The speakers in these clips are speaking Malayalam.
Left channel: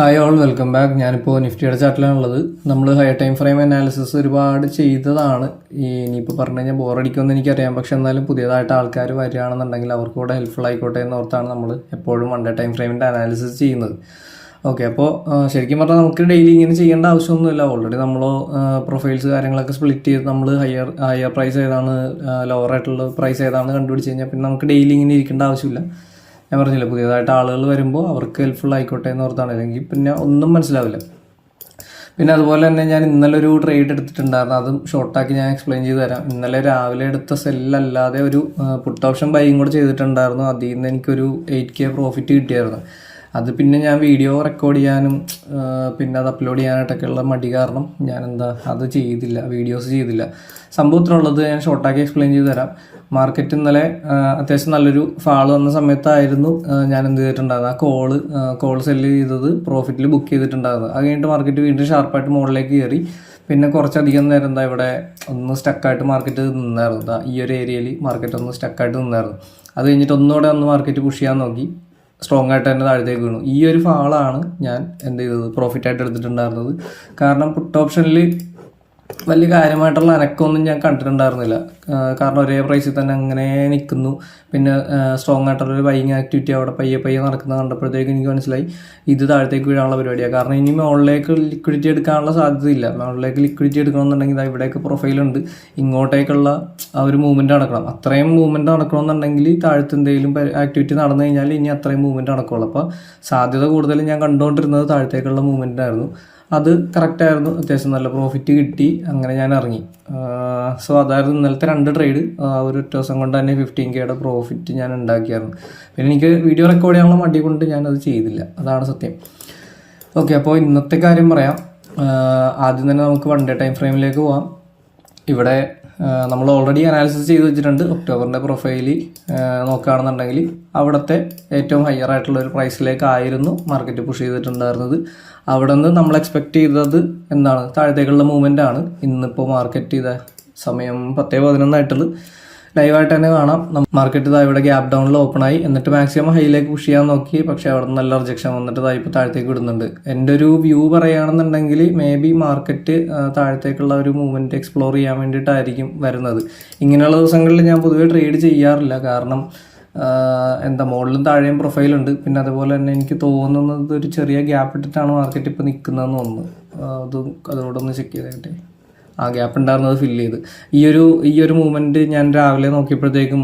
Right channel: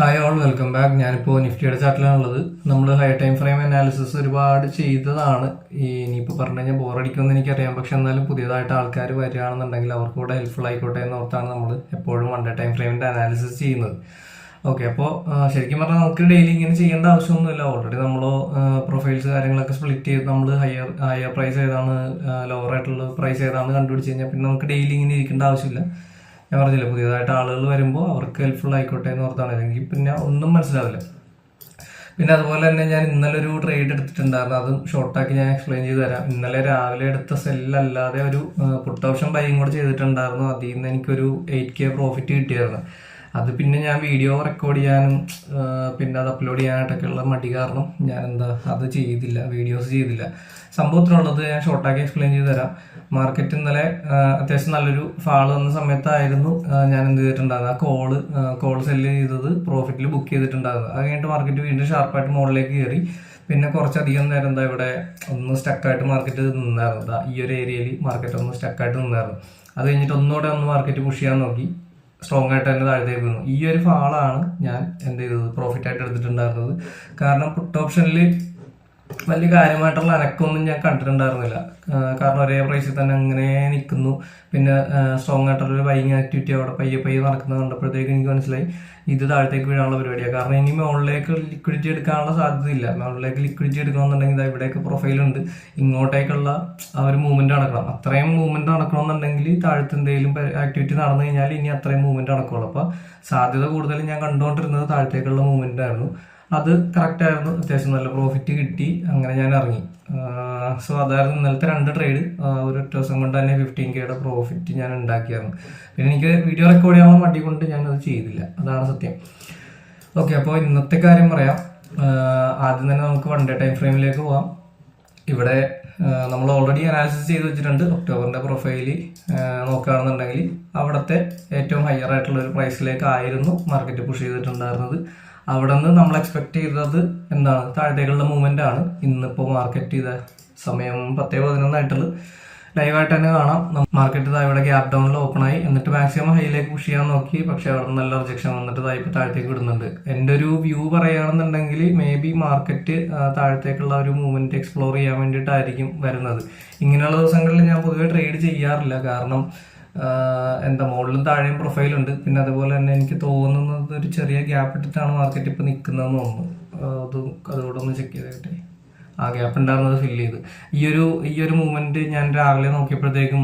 Hi all, welcome back. ഞാനിപ്പോൾ നിഫ്റ്റിയുടെ ചാർട്ടിലാണുള്ളത്. നമ്മൾ ഹയർ ടൈം ഫ്രെയിം അനാലിസിസ് ഒരുപാട് ചെയ്തതാണ്. ഇനിയിപ്പോൾ പറഞ്ഞു കഴിഞ്ഞാൽ ബോറടിക്കുമെന്ന് എനിക്കറിയാം. പക്ഷെ എന്നാലും പുതിയതായിട്ട് ആൾക്കാർ വരികയാണെന്നുണ്ടെങ്കിൽ അവർക്ക് കൂടെ ഹെൽപ്ഫുൾ ആയിക്കോട്ടെ എന്ന് ഓർത്താണ് നമ്മൾ എപ്പോഴും വൺ ഡേ ടൈം ഫ്രെയിമിൻ്റെ അനാലിസിസ് ചെയ്യുന്നത്. ഓക്കെ, അപ്പോൾ ശരിക്കും പറഞ്ഞാൽ നമുക്ക് ഡെയിലി ഇങ്ങനെ ചെയ്യേണ്ട ആവശ്യമൊന്നുമില്ല. ഓൾറെഡി നമ്മൾ പ്രൊഫൈൽസ് കാര്യങ്ങളൊക്കെ സ്പ്ലിറ്റ് ചെയ്ത് നമ്മൾ ഹയർ പ്രൈസ് ഏതാണ്, ലോവർ ആയിട്ടുള്ള പ്രൈസ് ഏതാണ് കണ്ടുപിടിച്ച് കഴിഞ്ഞാൽ പിന്നെ നമുക്ക് ഡെയിലി ഇങ്ങനെ ഇരിക്കേണ്ട ആവശ്യമില്ല. ഞാൻ പറഞ്ഞില്ല, പുതിയതായിട്ട് ആളുകൾ വരുമ്പോൾ അവർക്ക് ഹെൽപ്ഫുൾ ആയിക്കോട്ടെ എന്ന് ഓർത്താണ്. അല്ലെങ്കിൽ പിന്നെ ഒന്നും മനസ്സിലാവില്ല. പിന്നെ അതുപോലെ തന്നെ ഞാൻ ഇന്നലെ ഒരു ട്രേഡ് എടുത്തിട്ടുണ്ടായിരുന്നു. അതും ഷോർട്ടാക്കി ഞാൻ എക്സ്പ്ലെയിൻ ചെയ്ത് തരാം. ഇന്നലെ രാവിലെ എടുത്ത സെല്ലല്ലാതെ ഒരു പുട്ട് ഓപ്ഷൻ ബൈയും കൂടെ ചെയ്തിട്ടുണ്ടായിരുന്നു. അതിൽ നിന്ന് എനിക്കൊരു 8K പ്രോഫിറ്റ് കിട്ടിയായിരുന്നു. അത് പിന്നെ ഞാൻ വീഡിയോ റെക്കോർഡ് ചെയ്യാനും പിന്നെ അത് അപ്ലോഡ് ചെയ്യാനായിട്ടൊക്കെയുള്ള മടി കാരണം ഞാൻ അത് ചെയ്തില്ല, വീഡിയോസ് ചെയ്തില്ല. സംഭവം ഇത്ര ഉള്ളത് ഞാൻ ഷോർട്ടാക്കി എക്സ്പ്ലെയിൻ ചെയ്ത് തരാം. മാർക്കറ്റ് ഇന്നലെ അത്യാവശ്യം നല്ലൊരു ഫാൾ വന്ന സമയത്തായിരുന്നു ഞാൻ എന്ത് ചെയ്തിട്ടുണ്ടായിരുന്നു, ആ കോൾ സെല്ല് ചെയ്തത് പ്രോഫിറ്റിൽ ബുക്ക് ചെയ്തിട്ടുണ്ടായിരുന്നു. അത് കഴിഞ്ഞിട്ട് മാർക്കറ്റ് വീണ്ടും ഷാർപ്പായിട്ട് മുകളിലേക്ക് കയറി. പിന്നെ കുറച്ചധികം നേരം ഇവിടെ ഒന്ന് സ്റ്റക്കായിട്ട് മാർക്കറ്റ് നിന്നായിരുന്നു. ഈ ഒരു ഏരിയയിൽ മാർക്കറ്റ് ഒന്ന് സ്റ്റക്കായിട്ട് നിന്നായിരുന്നു. അത് കഴിഞ്ഞിട്ട് ഒന്നുകൂടെ മാർക്കറ്റ് പുഷ് ചെയ്യാൻ നോക്കി, സ്ട്രോങ് ആയിട്ട് തന്നെ താഴത്തേക്ക് വീണു. ഈ ഒരു ഫാളാണ് ഞാൻ എന്ത് ചെയ്തത്, പ്രോഫിറ്റായിട്ട് എടുത്തിട്ടുണ്ടായിരുന്നത്. കാരണം പുട്ട് ഓപ്ഷനിൽ വലിയ കാര്യമായിട്ടുള്ള അനക്കമൊന്നും ഞാൻ കണ്ടിട്ടുണ്ടായിരുന്നില്ല. കാരണം ഒരേ പ്രൈസിൽ തന്നെ അങ്ങനെ നിൽക്കുന്നു. പിന്നെ സ്ട്രോങ് ആയിട്ടുള്ളൊരു ബൈയിങ് ആക്ടിവിറ്റി അവിടെ പയ്യെ നടക്കുന്നത് കണ്ടപ്പോഴത്തേക്ക് എനിക്ക് മനസ്സിലായി ഇത് താഴത്തേക്ക് വീഴാനുള്ള പരിപാടിയാണ്. കാരണം ഇനി മുകളിലേക്ക് ലിക്വിഡിറ്റി എടുക്കാനുള്ള സാധ്യതയില്ല. മുകളിലേക്ക് ലിക്വിഡിറ്റി എടുക്കണമെന്നുണ്ടെങ്കിൽ ഇവിടെയൊക്കെ പ്രൊഫൈലുണ്ട്, ഇങ്ങോട്ടേക്കുള്ള ആ ഒരു മൂവ്മെൻറ്റ് നടക്കണം. അത്രയും മൂവ്മെൻറ്റ് നടക്കണമെന്നുണ്ടെങ്കിൽ താഴത്ത് എന്തെങ്കിലും ആക്ടിവിറ്റി നടന്നു കഴിഞ്ഞാൽ ഇനി അത്രയും മൂവ്മെൻറ്റ് നടക്കുള്ളൂ. അപ്പോൾ സാധ്യത കൂടുതലും ഞാൻ കണ്ടുകൊണ്ടിരുന്നത് താഴത്തേക്കുള്ള മൂവ്മെൻറ്റായിരുന്നു. അത് കറക്റ്റായിരുന്നു, അത്യാവശ്യം നല്ല പ്രോഫിറ്റ് കിട്ടി. അങ്ങനെ ഞാൻ ഇറങ്ങി. സോ അതായിരുന്നു ഇന്നലത്തെ 2 ട്രേഡ്. ഒരു ഒറ്റ ദിവസം കൊണ്ട് തന്നെ 15K പ്രോഫിറ്റ് ഞാൻ ഉണ്ടാക്കിയായിരുന്നു. പിന്നെ എനിക്ക് വീഡിയോ റെക്കോർഡ് ചെയ്യാനുള്ള മടി കൊണ്ട് ഞാനത് ചെയ്തില്ല, അതാണ് സത്യം. ഓക്കെ, അപ്പോൾ ഇന്നത്തെ കാര്യം പറയാം. ആദ്യം തന്നെ നമുക്ക് വൺ ഡേ ടൈം ഫ്രെയിമിലേക്ക് പോവാം. ഇവിടെ നമ്മൾ ഓൾറെഡി അനാലിസിസ് ചെയ്ത് വെച്ചിട്ടുണ്ട്. ഒക്ടോബറിൻ്റെ പ്രൊഫൈല് നോക്കുകയാണെന്നുണ്ടെങ്കിൽ അവിടുത്തെ ഏറ്റവും ഹയർ ആയിട്ടുള്ള ഒരു പ്രൈസിലേക്കായിരുന്നു മാർക്കറ്റ് പുഷ് ചെയ്തിട്ടുണ്ടായിരുന്നത്. അവിടെ നിന്ന് നമ്മൾ എക്സ്പെക്ട് ചെയ്തത് എന്താണ്, താഴത്തേക്കുള്ള മൂവ്മെൻ്റ് ആണ്. ഇന്നിപ്പോൾ മാർക്കറ്റ് ചെയ്ത സമയം 10:11 ആയിട്ടുള്ളൂ. ലൈവായിട്ട് തന്നെ കാണാം. മാർക്കറ്റ് ഇവിടെ ഗ്യാപ്പ് ഡൗണിൽ ഓപ്പൺ ആയി, എന്നിട്ട് മാക്സിമം ഹൈയിലേക്ക് പുഷ് ചെയ്യാൻ നോക്കി. പക്ഷേ അവിടെ നിന്ന് നല്ല റിജക്ഷൻ വന്നിട്ട് ഇപ്പോൾ താഴത്തേക്ക് വിടുന്നുണ്ട്. എൻ്റെ ഒരു വ്യൂ പറയുകയാണെന്നുണ്ടെങ്കിൽ മേ ബി മാർക്കറ്റ് താഴത്തേക്കുള്ള ഒരു മൂവ്മെൻറ്റ് എക്സ്പ്ലോർ ചെയ്യാൻ വേണ്ടിയിട്ടായിരിക്കും വരുന്നത്. ഇങ്ങനെയുള്ള ദിവസങ്ങളിൽ ഞാൻ പൊതുവേ ട്രേഡ് ചെയ്യാറില്ല. കാരണം മുകളിലും താഴെയും പ്രൊഫൈലുണ്ട്. പിന്നെ അതുപോലെ തന്നെ എനിക്ക് തോന്നുന്നത് ഒരു ചെറിയ ഗ്യാപ്പ് ഇട്ടിട്ടാണ് മാർക്കറ്റ് ഇപ്പോൾ നിൽക്കുന്നതെന്ന് തോന്നുന്നു. അതോടൊന്ന് ചെക്ക് ചെയ്തേട്ടെ. ആ ഗ്യാപ്പ് ഉണ്ടായിരുന്നത് ഫില്ല് ചെയ്ത് ഈ ഒരു മൂവ്മെൻറ്റ് ഞാൻ രാവിലെ നോക്കിയപ്പോഴത്തേക്കും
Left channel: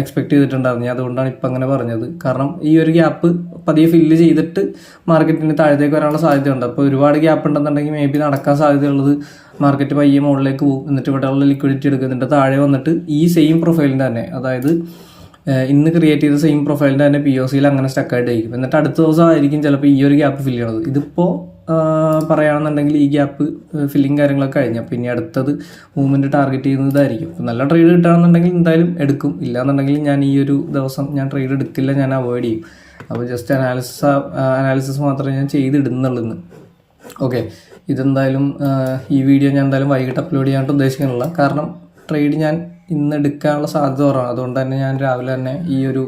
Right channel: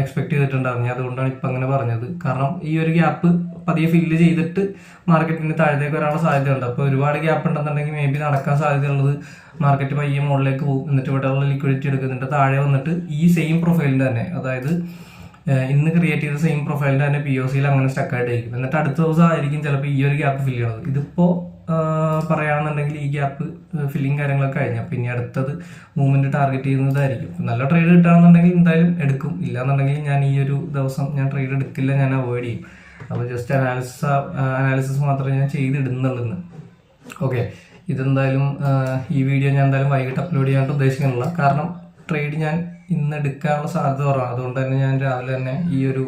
എക്സ്പെക്ട് ചെയ്തിട്ടുണ്ടായിരുന്നു. അതുകൊണ്ടാണ് ഇപ്പം അങ്ങനെ പറഞ്ഞത്. കാരണം ഈ ഒരു ഗ്യാപ്പ് പതിയെ ഫില്ല് ചെയ്തിട്ട് മാർക്കറ്റിന് താഴത്തേക്ക് വരാനുള്ള സാധ്യതയുണ്ട്. അപ്പോൾ ഒരുപാട് ഗ്യാപ്പ് ഉണ്ടെന്നുണ്ടെങ്കിൽ മേ ബി നടക്കാൻ സാധ്യതയുള്ളത് മാർക്കറ്റ് പയ്യെ മുകളിലേക്ക് പോകും, എന്നിട്ട് ഇവിടെയുള്ള ലിക്വിഡിറ്റി എടുക്കുന്നുണ്ട്. താഴെ വന്നിട്ട് ഈ സെയിം പ്രൊഫൈലിൻ്റെ തന്നെ, അതായത് ഇന്ന് ക്രിയേറ്റ് ചെയ്ത സെയിം പ്രൊഫൈലിൻ്റെ തന്നെ POCയിൽ അങ്ങനെ സ്റ്റക്കായിട്ടായിരിക്കും. എന്നിട്ട് അടുത്ത ദിവസം ആയിരിക്കും ചിലപ്പോൾ ഈ ഒരു ഗ്യാപ്പ് ഫില്ല് ചെയ്യണത്. ഇതിപ്പോൾ പറയുകയാണെന്നുണ്ടെങ്കിൽ ഈ ഗ്യാപ്പ് ഫില്ലിങ് കാര്യങ്ങളൊക്കെ കഴിഞ്ഞാൽ പിന്നെ അടുത്തത് മൂവ്മെൻറ്റ് ടാർഗറ്റ് ചെയ്യുന്നതായിരിക്കും. നല്ല ട്രേഡ് കിട്ടുകയാണെന്നുണ്ടെങ്കിൽ എന്തായാലും എടുക്കും. ഇല്ലാന്നുണ്ടെങ്കിൽ ഞാൻ ഈ ഒരു ദിവസം ഞാൻ ട്രേഡ് എടുക്കില്ല, ഞാൻ അവോയ്ഡ് ചെയ്യും. അപ്പോൾ ജസ്റ്റ് അനാലിസിസ് മാത്രമേ ഞാൻ ചെയ്തിടുന്നുള്ളൂ. ഓക്കെ, ഇതെന്തായാലും ഈ വീഡിയോ ഞാൻ എന്തായാലും വൈകിട്ട് അപ്ലോഡ് ചെയ്യാനായിട്ട് ഉദ്ദേശിക്കുന്നില്ല. കാരണം ട്രേഡ് ഞാൻ ഇന്ന് എടുക്കാനുള്ള സാധ്യത കുറവാണ്. അതുകൊണ്ട് തന്നെ ഞാൻ രാവിലെ തന്നെ ഈ ഒരു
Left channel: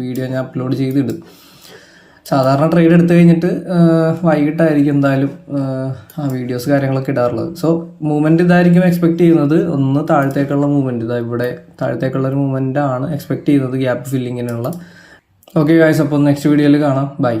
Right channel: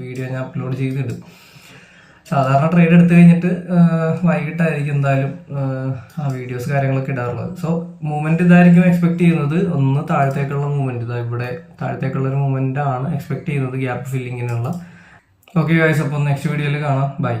വീഡിയോ ഞാൻ അപ്ലോഡ് ചെയ്തിടും. സാധാരണ ട്രേഡ് എടുത്തു കഴിഞ്ഞിട്ട് വൈകിട്ടായിരിക്കും എന്തായാലും ആ വീഡിയോസ് കാര്യങ്ങളൊക്കെ ഇടാറുള്ളത്. സോ മൂവ്മെൻറ്റ് ഇതായിരിക്കും എക്സ്പെക്ട് ചെയ്യുന്നത്. ഒന്ന് താഴത്തേക്കുള്ള മൂവ്മെൻറ്റ്, ഇവിടെ താഴത്തേക്കുള്ള ഒരു മൂവ്മെൻ്റ് ആണ് എക്സ്പെക്ട് ചെയ്യുന്നത് ഗ്യാപ്പ് ഫില്ലിങ്ങിനുള്ള. ഓക്കെ ഗൈസ്, അപ്പോൾ നെക്സ്റ്റ് വീഡിയോയിൽ കാണാം. ബൈ.